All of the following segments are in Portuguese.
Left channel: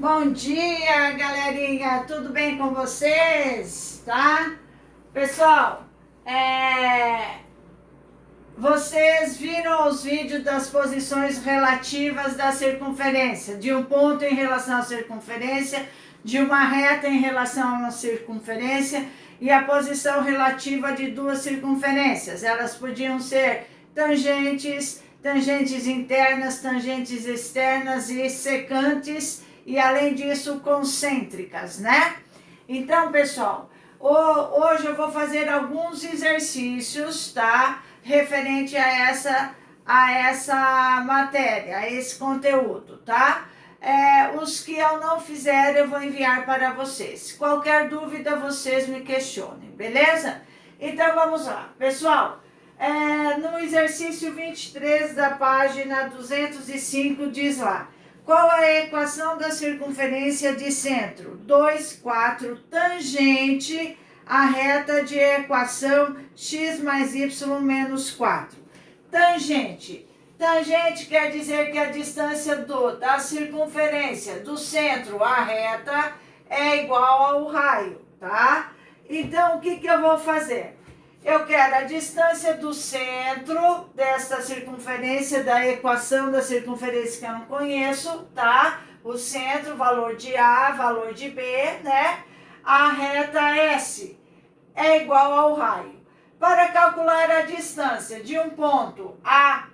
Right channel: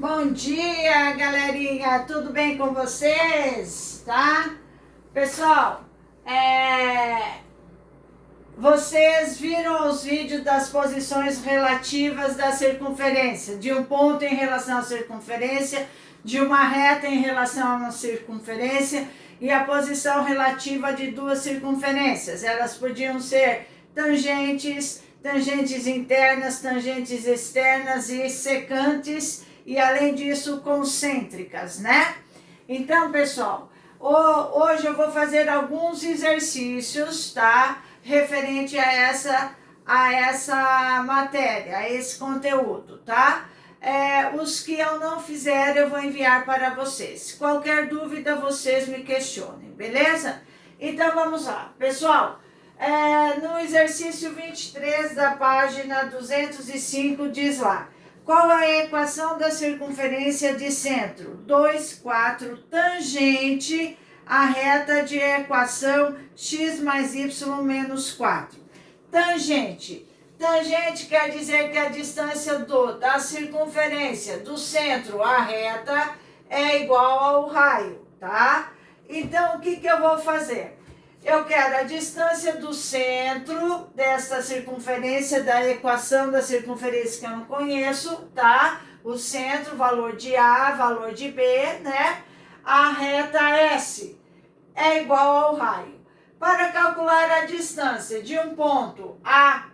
Bom dia, galerinha! Tudo bem com vocês? Tá? Pessoal, vocês viram os vídeos das posições relativas da circunferência, de um ponto em relação à circunferência, de uma reta em relação a uma circunferência e a posição relativa de duas circunferências. Elas podiam ser tangentes, tangentes internas, tangentes externas e secantes, e além disso concêntricas, né? Então, pessoal, hoje eu vou fazer alguns exercícios, tá? Referente a essa matéria, a esse conteúdo, tá? Os que eu não fizer, eu vou enviar para vocês. Qualquer dúvida, vocês me questionem, beleza? Então, vamos lá. Pessoal, no exercício 23 da página 205, diz lá: qual a equação da circunferência de centro? 2, 4, tangente a reta de equação x mais y menos 4. Tangente. Tangente quer dizer que a distância da circunferência do centro à reta é igual ao raio, tá? Então, o que eu vou fazer? Eu quero a distância do centro desta circunferência, da equação da circunferência que eu não conheço, tá? O centro, valor de A, valor de B, né? A reta S é igual ao raio. Para calcular a distância de um ponto à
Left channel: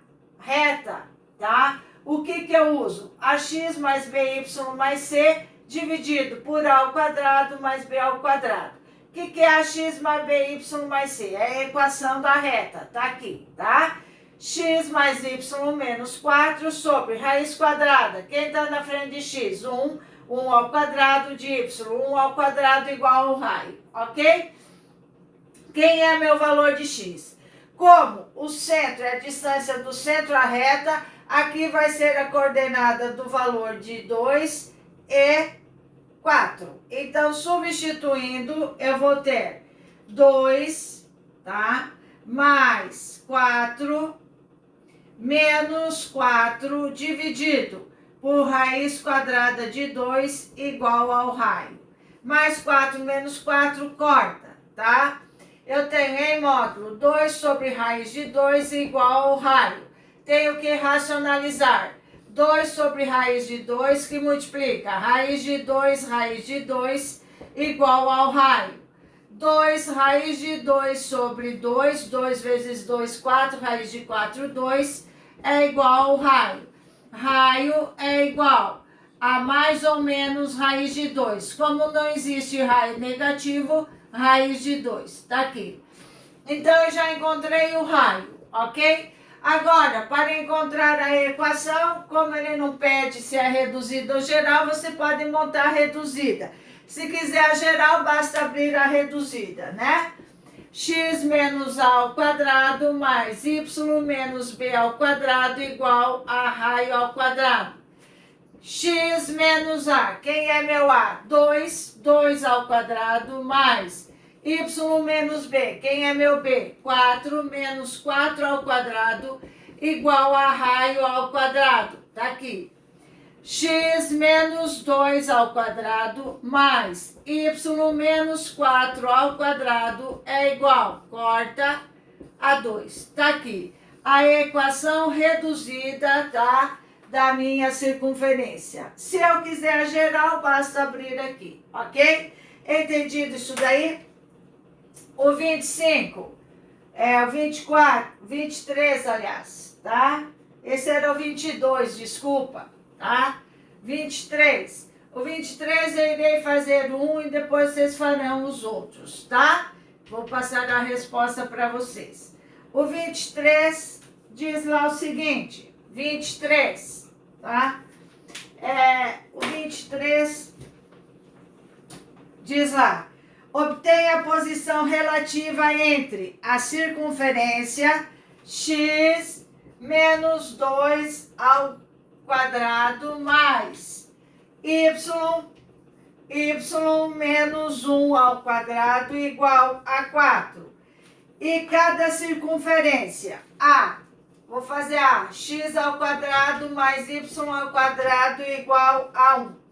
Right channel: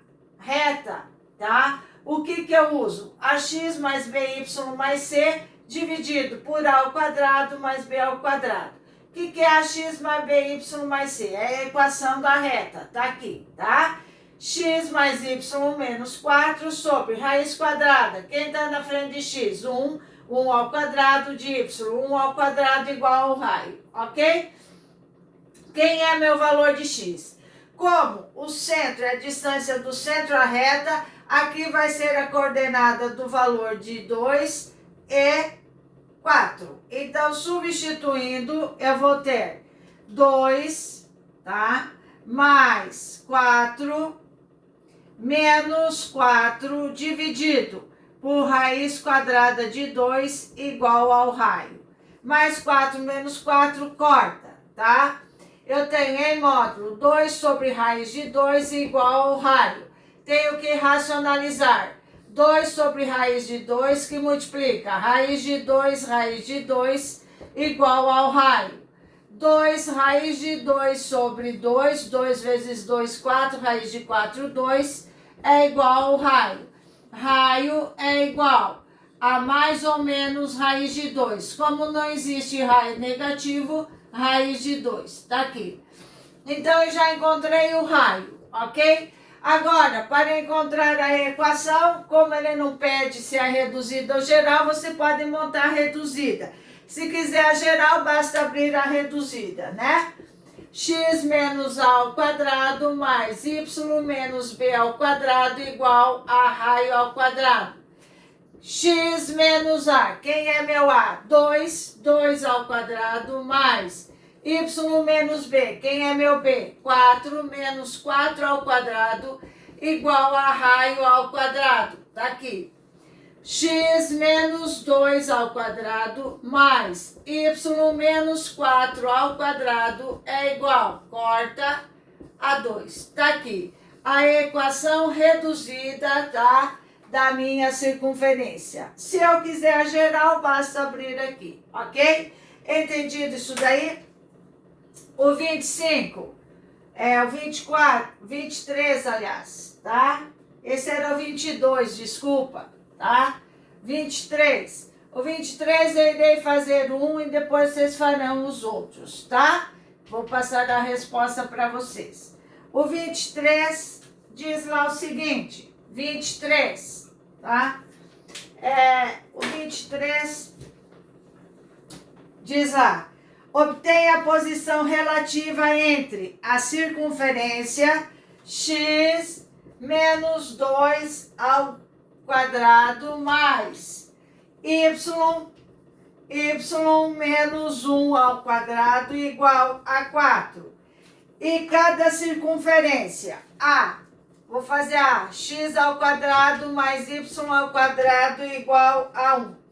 reta, tá? O que eu uso? Ax mais by mais c dividido por a ao quadrado mais b ao quadrado. O que é ax mais by mais c? É a equação da reta, tá aqui, tá? X mais y menos 4 sobre raiz quadrada. Quem está na frente de x? 1. 1 ao quadrado de y. 1 ao quadrado igual ao raio, ok? Quem é meu valor de x? Como o centro é a distância do centro à reta, aqui vai ser a coordenada do valor de 2 e 4. Então, substituindo, eu vou ter 2, tá? Mais 4 menos 4 dividido por raiz quadrada de 2 igual ao raio. Mais 4 menos 4 corta, tá? Eu tenho em módulo 2 sobre raiz de 2 igual ao raio. Tenho que racionalizar. 2 sobre raiz de 2 que multiplica raiz de 2 igual ao raio. 2 raiz de 2 sobre 2, 2 vezes 2, 4, raiz de 4, 2, é igual ao raio. Raio é igual a mais ou menos raiz de 2. Como não existe raio negativo, raiz de 2, tá aqui. Então, eu já encontrei o raio, ok? Agora, para encontrar a equação, como ele não pede se é reduzida ou geral, você pode montar a reduzida. Se quiser a geral, basta abrir a reduzida, né? X menos A ao quadrado mais Y menos B ao quadrado igual a raio ao quadrado. X menos A, quem é meu A? 2, 2 ao quadrado mais Y menos B, quem é meu B? 4 menos 4 ao quadrado igual a raio ao quadrado, tá aqui. X menos 2 ao quadrado mais Y menos 4 ao quadrado é igual, corta, a 2, tá aqui. A equação reduzida, tá? Da minha circunferência. Se eu quiser a geral, basta abrir aqui, ok? Entendido isso daí? O 25, o 24, 23, aliás, tá? Esse era o 22, desculpa, tá? 23. O 23 eu irei fazer um e depois vocês farão os outros, tá? Vou passar a resposta para vocês. O 23 diz lá o seguinte, 23, tá? O 23 diz lá: obtenha a posição relativa entre a circunferência x menos 2 ao quadrado mais y menos 1 ao quadrado igual a 4. E cada circunferência A, vou fazer A, x ao quadrado mais y ao quadrado igual a 1.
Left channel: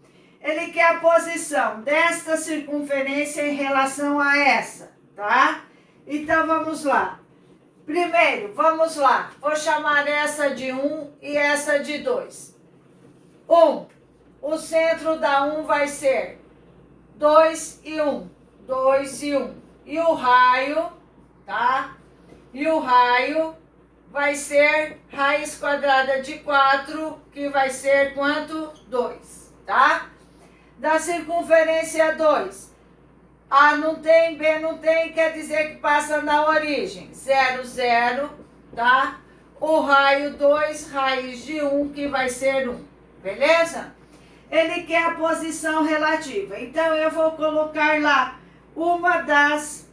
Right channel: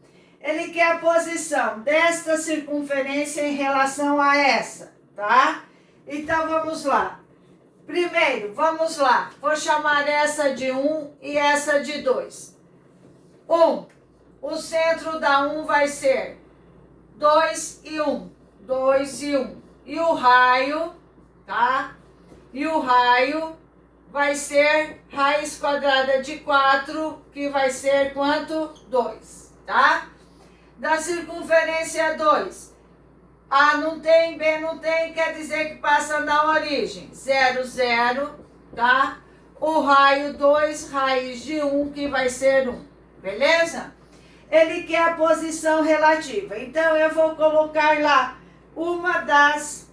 Ele quer a posição desta circunferência em relação a essa, tá? Então, vamos lá. Primeiro, vamos lá. Vou chamar essa de 1 e essa de 2. 1. O centro da 1 vai ser 2 e 1. 2 e 1. E o raio, tá? E o raio vai ser raiz quadrada de 4, que vai ser quanto? 2, tá? Da circunferência 2. A não tem, B não tem, quer dizer que passa na origem. 0, 0, tá? O raio 2, raiz de 1, que vai ser 1. Beleza? Ele quer a posição relativa. Então, eu vou colocar lá uma das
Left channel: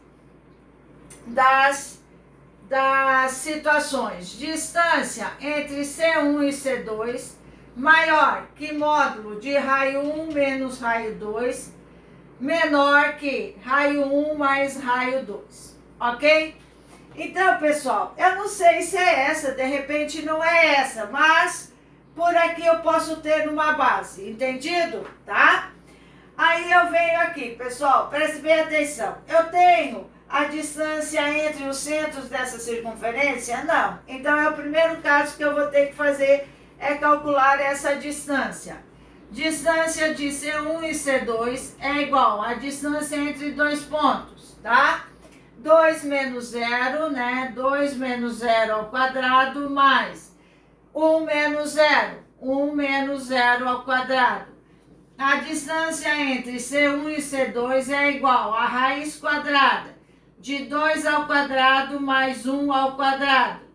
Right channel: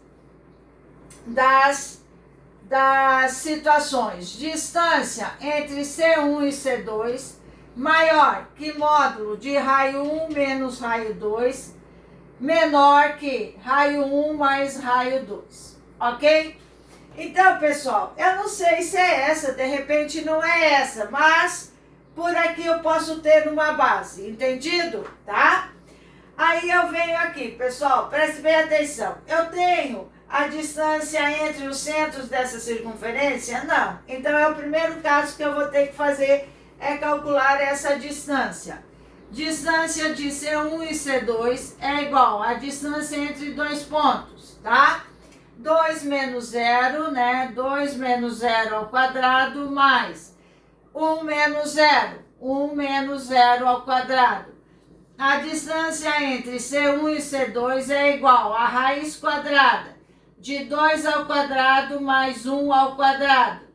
situações. Distância entre C1 e C2 maior que módulo de raio 1 menos raio 2, menor que raio 1 mais raio 2, ok? Então, pessoal, eu não sei se é essa, de repente não é essa, mas por aqui eu posso ter uma base, entendido? Tá? Aí eu venho aqui, pessoal, preste bem atenção. Eu tenho a distância entre os centros dessa circunferência? Não. Então, é o primeiro caso que eu vou ter que fazer, é calcular essa distância. Distância de C1 e C2 é igual a distância entre dois pontos, tá? 2 menos 0, né? 2 menos 0 ao quadrado mais 1 menos 0. 1 menos 0 ao quadrado. A distância entre C1 e C2 é igual a raiz quadrada de 2 ao quadrado mais 1 ao quadrado.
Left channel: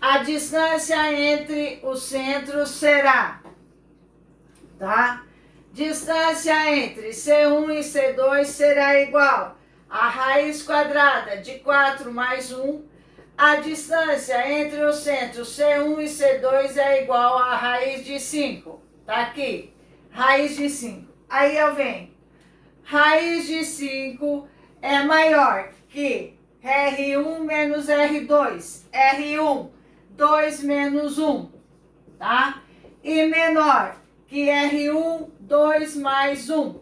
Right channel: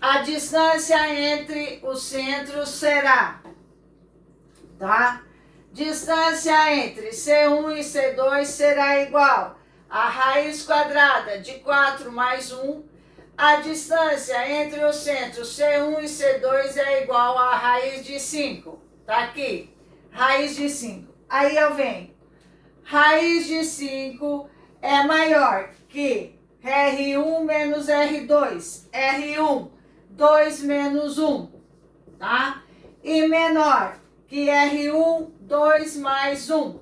A distância entre os centros será, tá? Distância entre C1 e C2 será igual a raiz quadrada de 4 mais 1. A distância entre os centros C1 e C2 é igual a raiz de 5. Tá aqui, raiz de 5. Aí eu venho, raiz de 5 é maior que R1 menos R2. R1, 2 menos 1, tá? E menor que R1, 2 mais 1,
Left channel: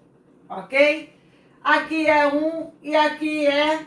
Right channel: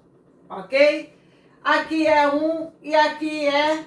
ok? Aqui é 1 e aqui é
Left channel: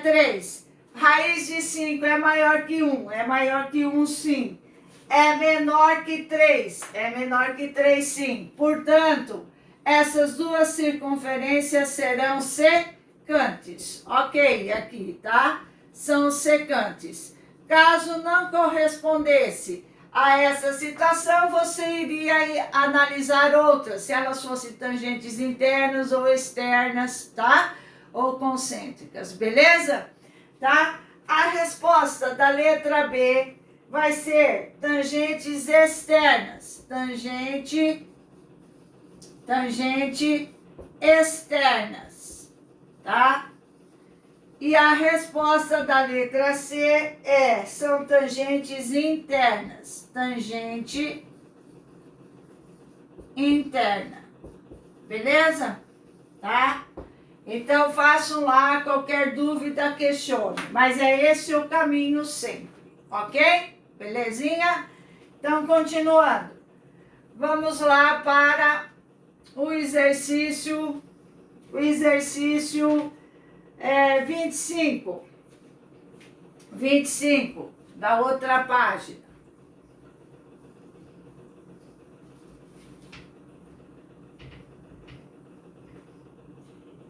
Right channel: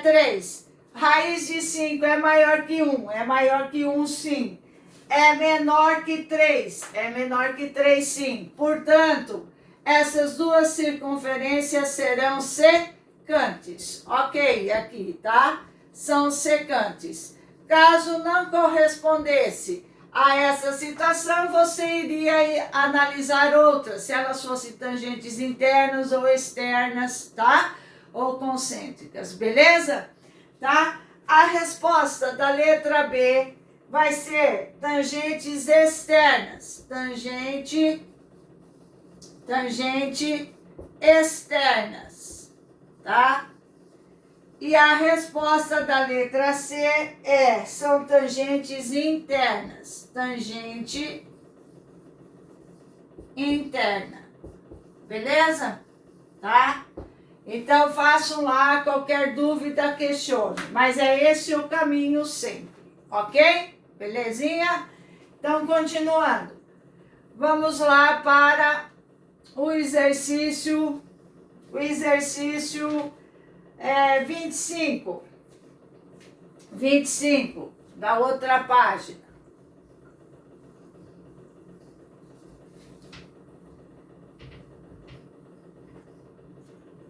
3. Raiz de 5 é maior que 1, é maior que 1 sim. É menor que 3, é menor que 3 sim. Portanto, essas duas circunferências serão secantes. Ok, aqui, tá? São secantes. Caso não correspondesse a essa situação, você iria analisar outras, se elas fossem tangentes internas ou externas, tá? Ou concêntricas, beleza? Tá? A resposta da letra B vai ser tangentes externas. Tangente externas, tá? E a resposta da letra C são tangentes internas. Tangente interna. Beleza? Tá? Então, façam lá, qualquer dúvida, questione. Mas é esse o caminho sempre, ok? Belezinha? Então, continuando. Vamos lá para o exercício 25. 25, da outra página.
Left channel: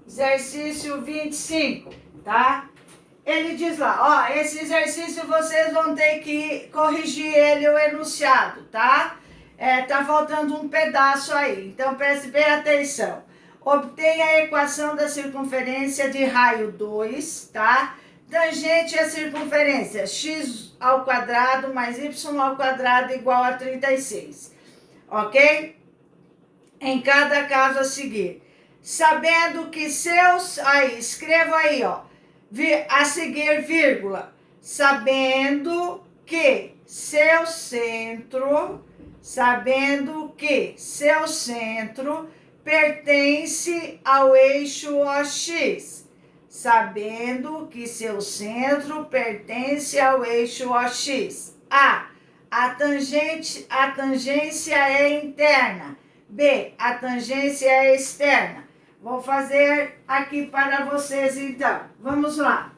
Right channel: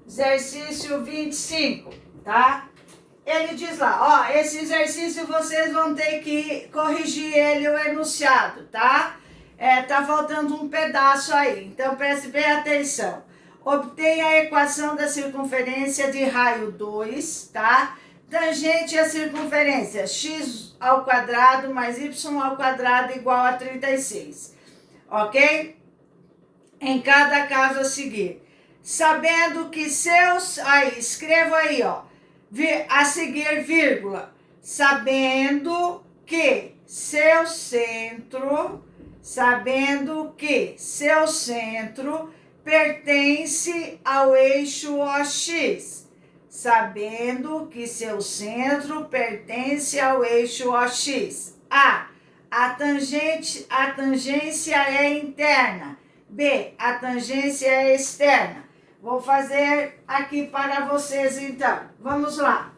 Exercício 25, tá? Ele diz lá, ó, esse exercício vocês vão ter que corrigir ele, o enunciado, tá? Tá faltando um pedaço aí, então preste bem atenção. Obtenha a equação da circunferência de raio 2, tá? Tangente à circunferência x ao quadrado mais y ao quadrado igual a 36, ok? Em cada caso a seguir. Sabendo que seus... Aí, escreva aí, ó. A seguir, vírgula. Sabendo que seu centro... Sabendo que seu centro pertence ao eixo OX. Sabendo que seu centro pertence ao eixo OX. A tangência é interna. B, a tangência é externa. Vou fazer aqui para vocês então. Vamos lá.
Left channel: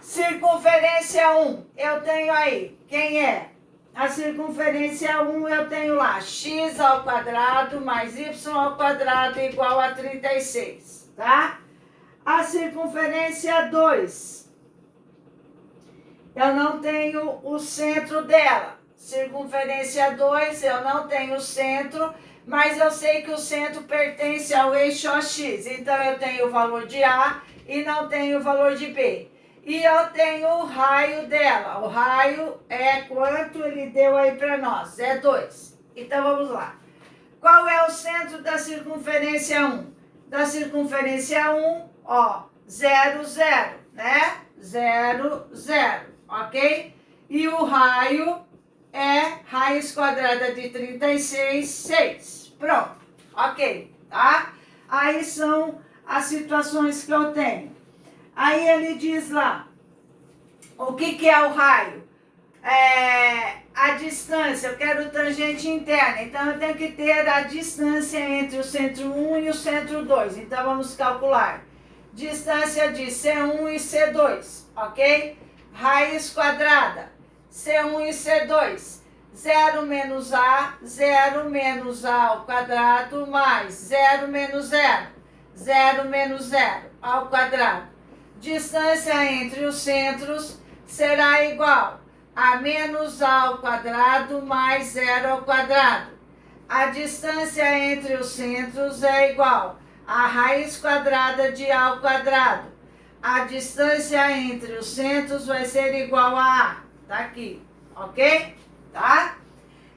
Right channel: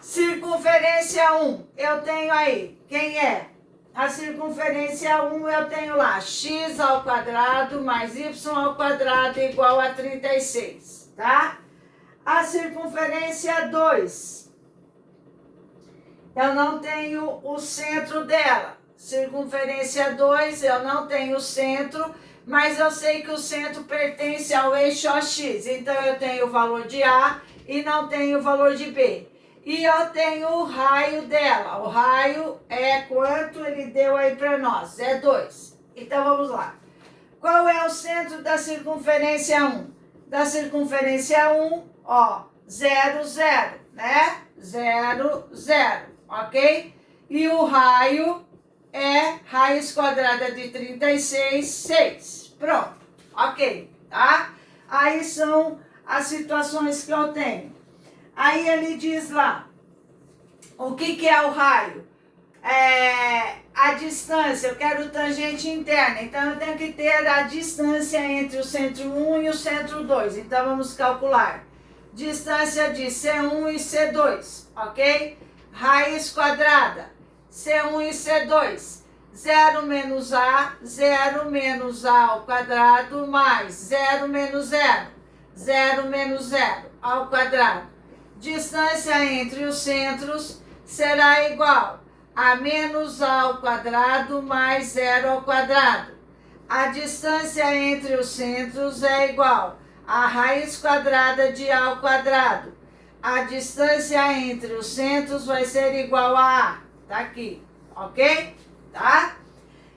Circunferência 1, eu tenho aí, quem é? A circunferência 1 eu tenho lá, x ao quadrado mais y ao quadrado igual a 36, tá? A circunferência 2, eu não tenho o centro dela. Circunferência 2, eu não tenho o centro, mas eu sei que o centro pertence ao eixo OX. Então, eu tenho o valor de A e não tenho o valor de B. E eu tenho o raio dela. O raio é quanto ele deu aí para nós? É 2. Então, vamos lá. Qual é o centro da circunferência 1? Da circunferência 1, ó, 0, 0, né? 0, 0, ok? E o raio é raiz quadrada de 36, 6. Pronto, ok, tá? Aí são as situações que eu tenho. Aí ele diz lá, o que é o raio? A distância, eu quero tangente interna, então eu tenho que ter a distância entre o centro 1 e o centro 2. Então vamos calcular. Distância de C1 e C2, ok? Raiz quadrada, C1 e C2. 0 menos A, 0 menos A ao quadrado, mais 0 menos 0. 0 menos 0 ao quadrado. Distância entre os centros será igual a menos A ao quadrado mais 0 ao quadrado. A distância entre os centros é igual a raiz quadrada de A ao quadrado. A distância entre os centros vai ser igual a A. Tá aqui, ok? Tá?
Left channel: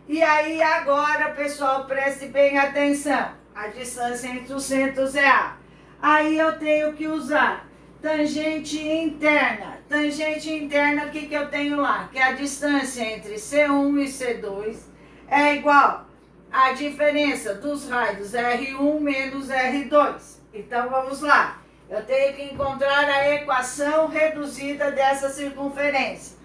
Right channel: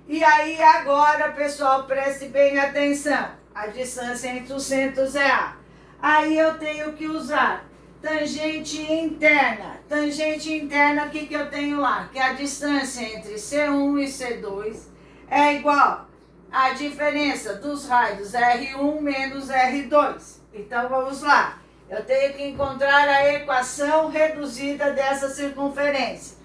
E aí agora, pessoal, preste bem atenção. A distância entre os centros é A. Aí eu tenho que usar tangente interna. Tangente interna, o que eu tenho lá? Que a distância entre C1 e C2 é igual à diferença dos raios R1 menos R2. Então, vamos lá. Eu tenho que encontrar a equação reduzida dessa circunferência.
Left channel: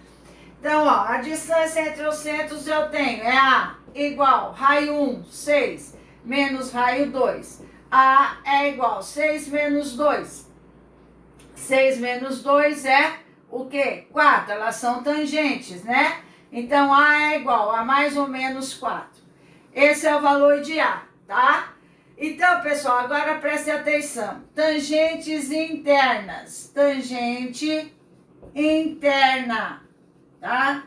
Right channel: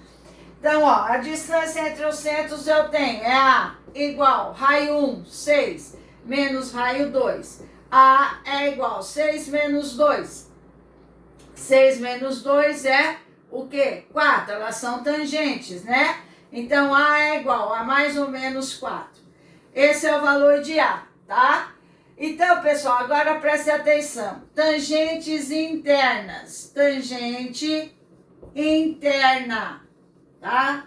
Então, ó, a distância entre os centros eu tenho é A igual raio 1, 6, menos raio 2. A é igual 6 menos 2. 6 menos 2 é o quê? 4. Elas são tangentes, né? Então, A é igual a mais ou menos 4. Esse é o valor de A, tá? Então, pessoal, agora preste atenção. Tangentes internas. Tangente interna, tá?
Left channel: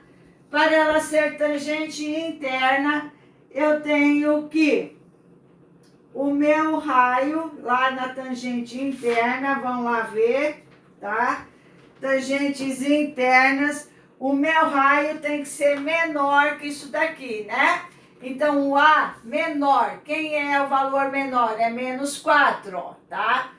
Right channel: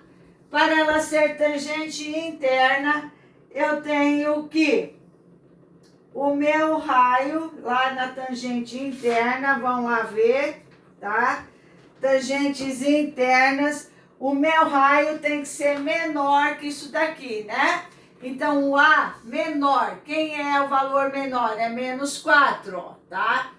Para ela ser tangente interna, eu tenho que o meu raio lá na tangente interna, vão lá ver, tá? Tangentes internas, o meu raio tem que ser menor que isso daqui, né? Então, o A menor, quem é o valor menor? É menos 4, ó, tá?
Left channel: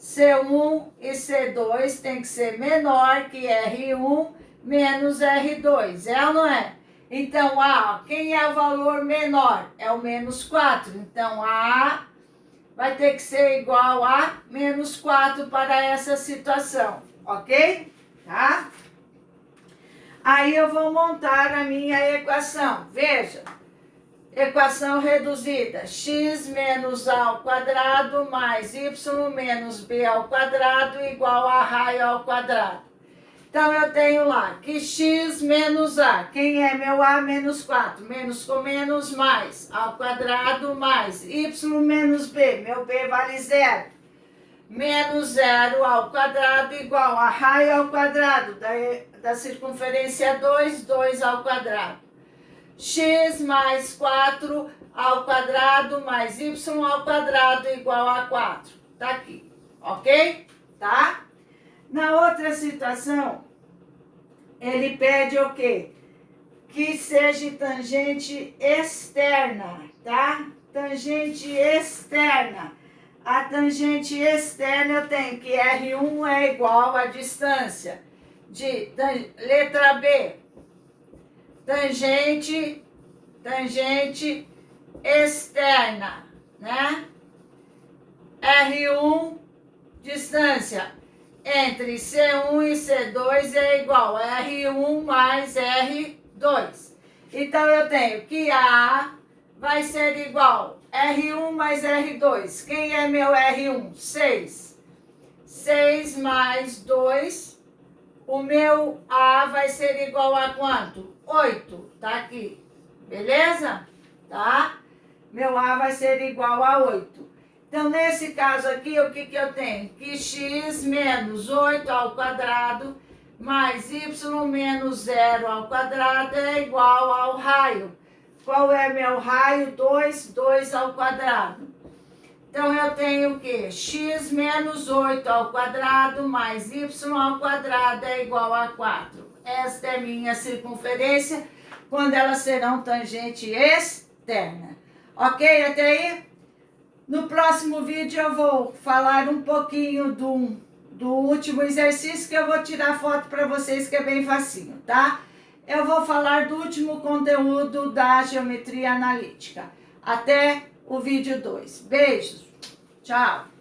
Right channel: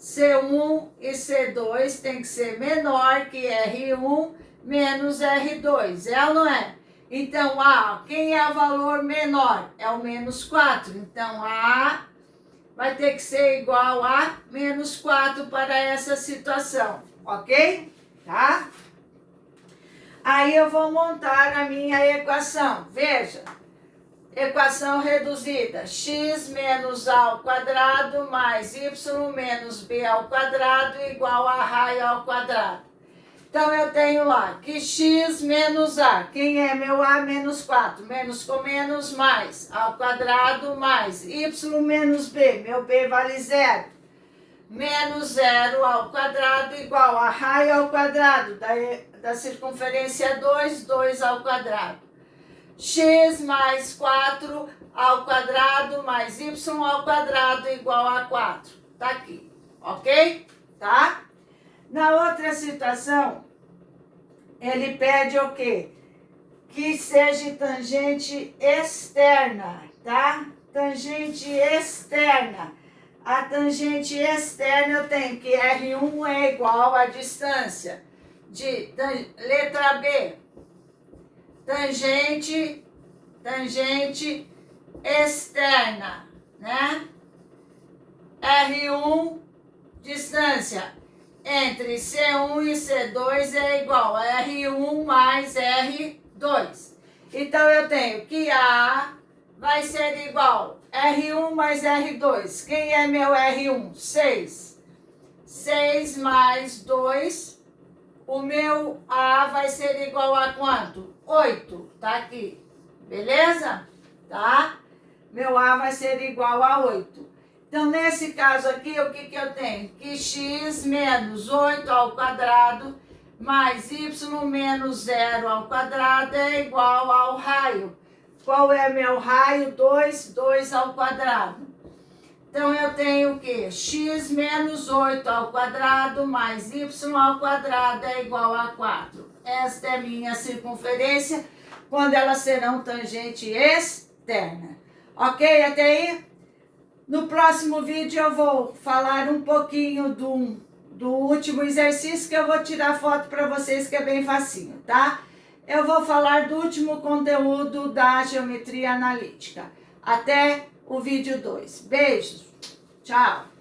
C1 e C2 tem que ser menor que R1 menos R2, é ou não é? Então, A, quem é o valor menor? É o menos 4. Então, A vai ter que ser igual a menos 4 para essa situação, ok? Tá? Aí eu vou montar a minha equação. Veja, equação reduzida. X menos A ao quadrado mais Y menos B ao quadrado igual a raio ao quadrado. Então, eu tenho lá que x menos a, quem é meu a? Menos 4, menos com menos, mais, ao quadrado, mais, y menos b, meu b vale 0, menos 0 ao quadrado, igual a raio ao quadrado, da circunferência 2, 2 ao quadrado. X mais 4 ao quadrado, mais y ao quadrado, igual a 4. Tá aqui, ok? Tá? Na outra situação, ele pede o quê? Que seja tangente externa, tá? Tangente externa. A tangente externa eu tenho que R1 é igual à distância de letra B. Tangente externa, né? R1, distância entre C1 e C2 é igual a R1 mais R2. Então, eu tenho que A vai ser igual R1 mais R2. Quem é meu R1? 6. 6 mais 2. O meu A vai ser igual a quanto? 8. Tá aqui. Beleza? Tá? Meu A vai ser igual a 8. Então, nesse caso aqui, o que eu tenho? Que x menos 8 ao quadrado mais y menos 0 ao quadrado é igual ao raio. Qual é meu raio? 2, 2 ao quadrado. Então, eu tenho o quê? X menos 8 ao quadrado mais y ao quadrado é igual a 4. Esta é minha circunferência quando elas serão tangente externa. Ok? Até aí? No próximo vídeo eu vou falar um pouquinho do último exercício que eu vou tirar foto para vocês, que é bem facinho, tá? Eu vou falar do último conteúdo da geometria analítica. Até o vídeo 2. Beijos. Tchau.